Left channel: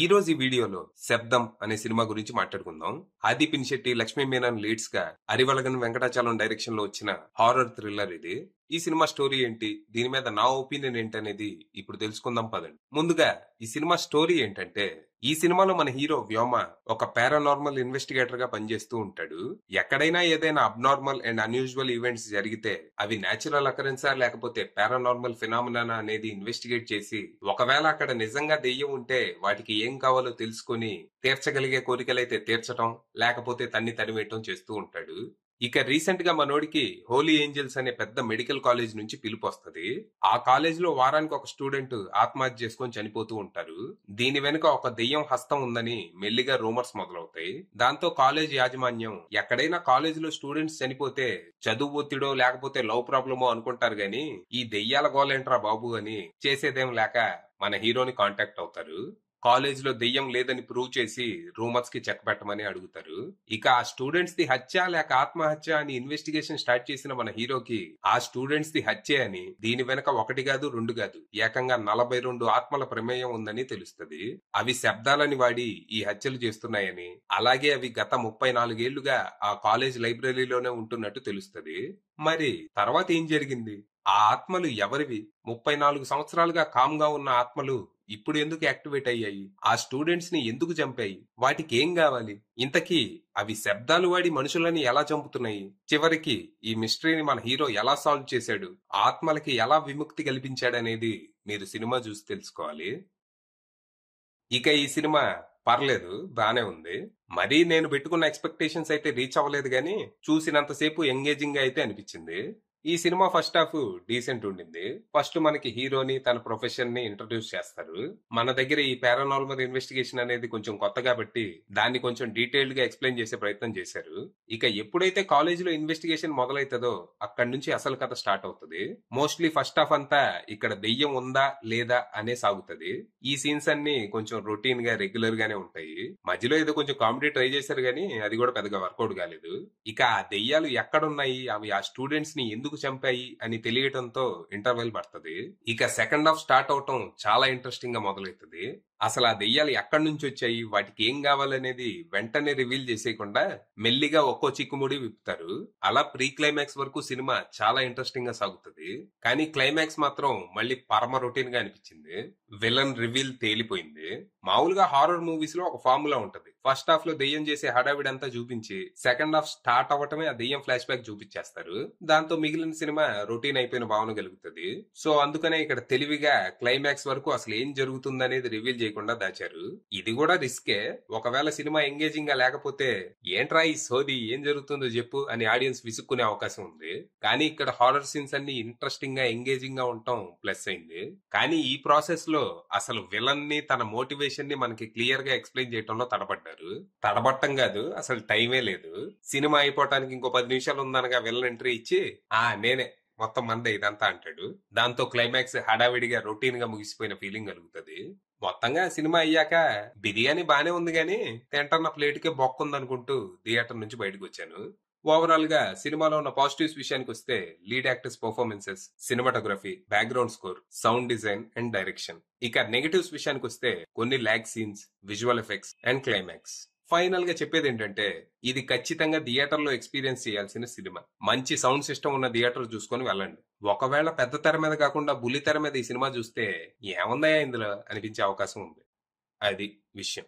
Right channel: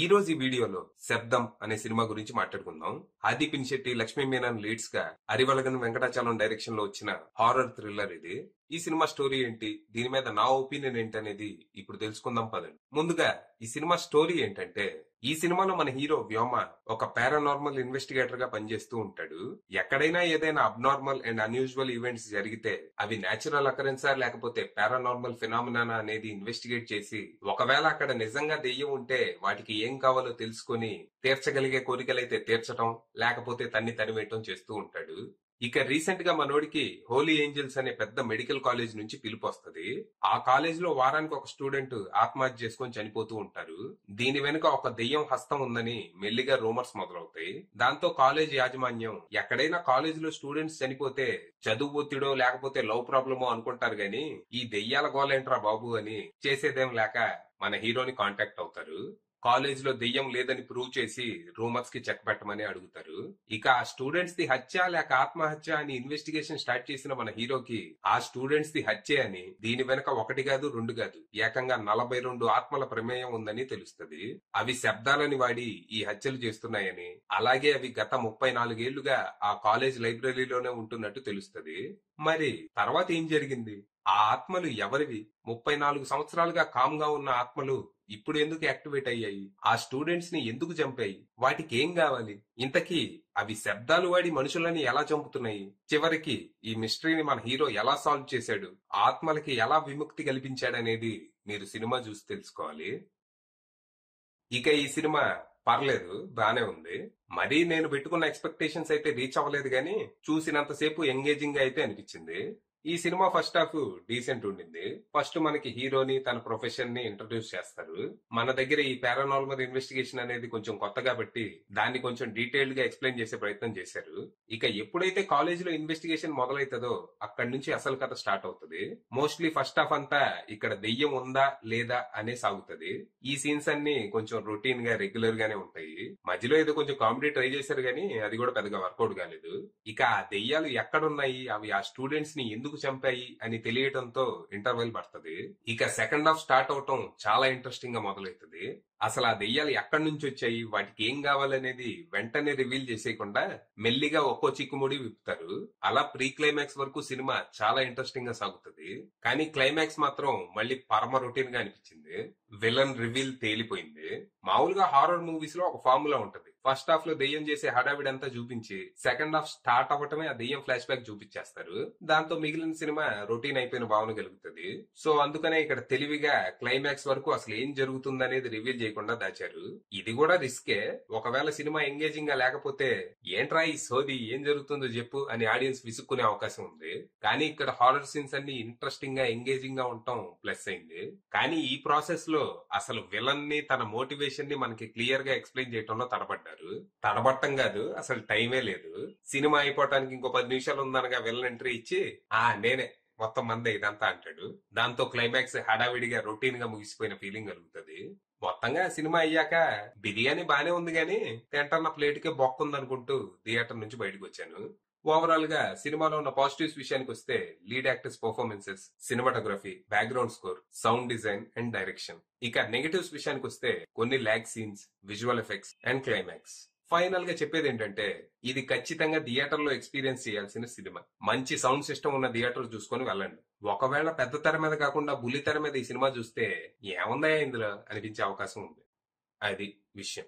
ఈ రోజు ఈ వీడియోలో శబ్దం అనే సినిమా గురించి మాట్లాడుకుందాం. ఆది పినిశెట్టి, లక్ష్మీ మీనన్ లీడ్స్ గా అరివలగన్ వెంకటాచలం డైరెక్షన్ లో వచ్చిన హారర్ థ్రిల్లర్ ఇది. ఈ సినిమా స్టోరీ ఏంటి, దీని మీద నా ఒపీనియన్ ఏంటనేది ఇప్పుడు తెలుసుకుందాం పదండి. ముందుగా ఈ సినిమా స్టోరీ ఏంటంటే, ఈ సినిమాలో మన హీరో వ్యోమ ఒక పారానార్మల్ ఇన్వెస్టిగేటర్ గా పనిచేస్తూ ఉంటాడు. ఎక్కడైనా ఏదైనా అబ్నార్మల్ అండ్ అన్యూజువల్ ఈవెంట్స్ జరిగితే అవి నేచురల్ అకరెన్సా లేకపోతే పారానార్మల్ ఫినామినా అనేది ఇన్వెస్టిగేట్ చేసి, ఒకవేళ అక్కడ నిజంగా దెయ్యం ఉంటే వాటికి ఏం కావాలో తెలుసుకుని తీర్చగలిగే కోరికలైతే తీర్చటం, లేకపోతే తన్ని తరివేయటం చేస్తూ ఉంటాడు. ఇక రీసెంట్ గా మనోడికి హోలీ ఏంజల్స్ అనే పెద్ద మెడికల్ కాలేజ్ నుంచి పిలుపు వస్తది. ఆ కాలేజ్ లో వారానికి ఒక స్టూడెంట్ ఆత్మహత్య చేసుకొని చనిపోతూ ఉంటారు. దీని వెనుక ఒక దెయ్యం హస్తం ఉందని మెల్లిగా రూమర్స్ మొదలవుతాయి. దాంతో కాలేజ్ యాజమాన్యం ఎక్కడైనా కాలేజ్ లో స్టూడెంట్స్ చనిపోతే చదువు ఒత్తిడో లేకపోతే లవ్ ప్రాబ్లమో అనుకుంటారు గాని, ఈ దెయ్యాల గోలేంట్రా బాబు అని చేసేదేం లేక మన హీరోని కాంటాక్ట్ అవుతారు. కాలేజ్ లో దెయ్యం లేదని ప్రూవ్ చేసి రూమర్స్ కి చెక్ పెట్టమని అడుగుతారు. ఇక ఆ స్టూడెంట్స్ ది హత్య లేక ఆత్మహత్య అని ఇన్వెస్టిగేషన్ స్టార్ట్ చేసిన మన హీరోకి ఆ స్టూడెంట్స్ ది హత్యే అని, దీని వెనక ఒకటి కాదు రెండు కాదు ఏకంగా 42 ఆత్మల ప్రమేయం ఉందని తెలుస్తుంది. అవి శబ్దాలని వాడి ఈ హత్యలు చేస్తున్నాయని, అలాగే అవి గత 34 ఏళ్లుగా ఆ కాలేజ్ లైబ్రరీలోనే ఉంటున్నట్టు తెలుస్తుంది. మరి తర్వాత ఏం జరిగింది? ఆ ఆత్మలు ఎవరివి? 34 సంవత్సరాలుగా కామ్ గా ఉన్న ఆత్మలు ఇప్పుడు ఎందుకు యాక్టివేట్ అయ్యాయి? ఆ స్టూడెంట్స్ ని ఎందుకు చంపాయి? వాటికి ఏం కావాలి? ఇంతకీ అవి శబ్దాలు వాడి మనుషులని ఎలా చంపుతున్నాయి? చివరికి ఈ మిస్టరీని మన హీరో ఎలా సాల్వ్ చేశాడు? ఆత్మలకి ఎలా విముక్తి కల్పించాడనేది మీరు సినిమా చూసి తెలుసుకోవాలి. ఇక ఈ సినిమా పర్లేదు, బానే ఉంది. మరీ నేను పెట్టుకున్న ఎక్స్పెక్టేషన్స్ అయితే రీచ్ అవ్వలేదు గానీ చూసినంతసేపు ఎంగేజింగ్ గా అయితే అనిపించింది. ఈ సినిమా ఫస్ట్ హాఫ్ డీసెంట్ ఉండింది. ఫస్ట్ మనకి హీరోని తన ప్రొఫెషన్ ని ఇంట్రడ్యూస్ చేస్తారు. మన దగ్గర ఈ పారానార్మల్ ఇన్వెస్టిగేషన్ అనేది కొంచెం కొత్త కాబట్టి దాన్ని కొంచెం డీటెయిల్డ్ గా ఎక్స్ప్లెయిన్ చేసే ప్రయత్నం చేశారు. ఇక ఎప్పుడైతే కాలేజ్ లో ఇన్వెస్టిగేషన్ మొదలైతుందో అక్కడి నుంచి అసలు కథ స్టార్ట్ అవుతుంది. మోస్ట్లీ ఫస్ట్ హాఫ్ అంతా ఇక్కడ దెయ్యం ఉందా లేదా అనే సాగుతుంది. ఈ సీన్స్ అన్ని కొంచెం రొటీన్ గా రెగ్యులర్ గానే ఉంటాయి. మధ్యలో ఏదో కొంచెం కామెడీ ట్రై చేశారు గానీ అది కూడా పెద్దగా వర్కౌట్ కాలేదు. ఇక ఆ దెయ్యాలు ఎక్కడున్నాయి, అవి ఆ స్టూడెంట్స్ ని ఎందుకు చంపాయి అని తెలియటంతో ఇంటర్వెల్ పడుతుంది. ఇక సెకండ్ హాఫ్ స్టార్ట్ అవటం చాలా ఇంట్రెస్టింగ్ గా మొదలవుతుంది. అసలు ఆ దెయ్యాలు ఎక్కడి నుంచి వచ్చాయి, వాటికి ఏం కావాలనేది వెంటనే రివీల్ చేసేయకుండా మెల్లిగా ఒక్కో చిక్కుముడి విప్పుతారు. అలా ప్రీ క్లైమాక్స్ వరకు సినిమా చాలా ఇంట్రెస్టింగ్ గా సాగుతుంది. కానీ క్లైమాక్స్ మాత్రం మళ్ళీ పరమ రొటీన్ గా అనిపించింది. విలన్ రివీల్ తేలిపోయింది. మామూలుగా హారర్ మూవీస్ లో ఒక ఫార్ములా ఉంటది. ఫస్ట్ హాఫ్ లో దెయ్యం చేసే హడావిడంతా చూపించి సెకండ్ హాఫ్ స్టార్ట్ అవ్వటమే ఆ దెయ్యం ఫ్లాష్ బ్యాక్ చూపించేస్తారు. దాంతో మిగిలిన సినిమా రొటీన్ అయిపోయిన భావన కలుగుతుంది. సో అందుకనే ఇక్కడ తెలివిగా క్లైమాక్స్ వరకు అసలు ఏం జరుగుతుందనేది రివీల్ చేయకుండా దాచారు. ఇది కూడా రిస్కే. ఒకవేళ సినిమా ఎంగేజింగ్ గా లేకపోతే ఏంట్రా ఈ సోది, ఏం జరుగుతుందో చెప్పు అని ఆడియన్స్ విసుక్కునే అవకాశం ఉంది. కానీ ఇక్కడ హారర్ సీన్స్ అన్ని ఇంట్రెస్టింగ్ గా ఎంగేజింగ్ గా ఉండటం ప్లస్ అయింది. కానీ ఈ ప్రాసెస్ లో అసలు విలన్ ని తన మోటివేషన్ ని మనకి క్లియర్ గా ఎక్స్ప్లెయిన్ చేయడంలో తడబడ్డారు. తడబట్టం కాదు, అసలు టైమే లేదు. సినిమా అయిపోవటానికి ఇంకో 10 నిమిషాలు ఉందనగా విలన్ ఎంట్రీ ఇచ్చి నేనే మొత్తం మందే ఇదంతా అంటాడు. దాంతో క్లైమాక్స్ హడావిడిగా రొటీన్ గా ముగిసిపోయిన ఫీలింగ్ కలుగుతుంది. మొత్తంగా సినిమా అయ్యాక బిర్యానీ బానే ఉంది గానీ తింటన్న ప్లేట్ కే బొక్కుందనుకుంటూ థియేటర్ నుంచి బయటకు వచ్చాను. ఓవరాల్ గా సినిమాలో ఉన్న పాజిటివ్స్ విషయానికి వస్తే lead actors performances, cinematography, background score, sound design and direction. ఇక నెగటివ్స్ విషయానికి వస్తే కొన్ని lag scenes, visual effects and climax. Final గా చెప్పేది ఏంటంటే, ఇది ఖచ్చితంగా థియేటర్ లో ఎక్స్పీరియన్స్ చేయాల్సిన సినిమా. మంచి సౌండ్ సిస్టమ్ ఉన్న థియేటర్ చూసుకొని వెళ్ళండి. ఒకవేళ పెద్ద తెర మీద కాకుండా బుల్లి తెర మీద ఈ సినిమా చూస్తే ఏముందయా ఇందులో అనిపించే అవకాశం ఉంది. అది విషయం.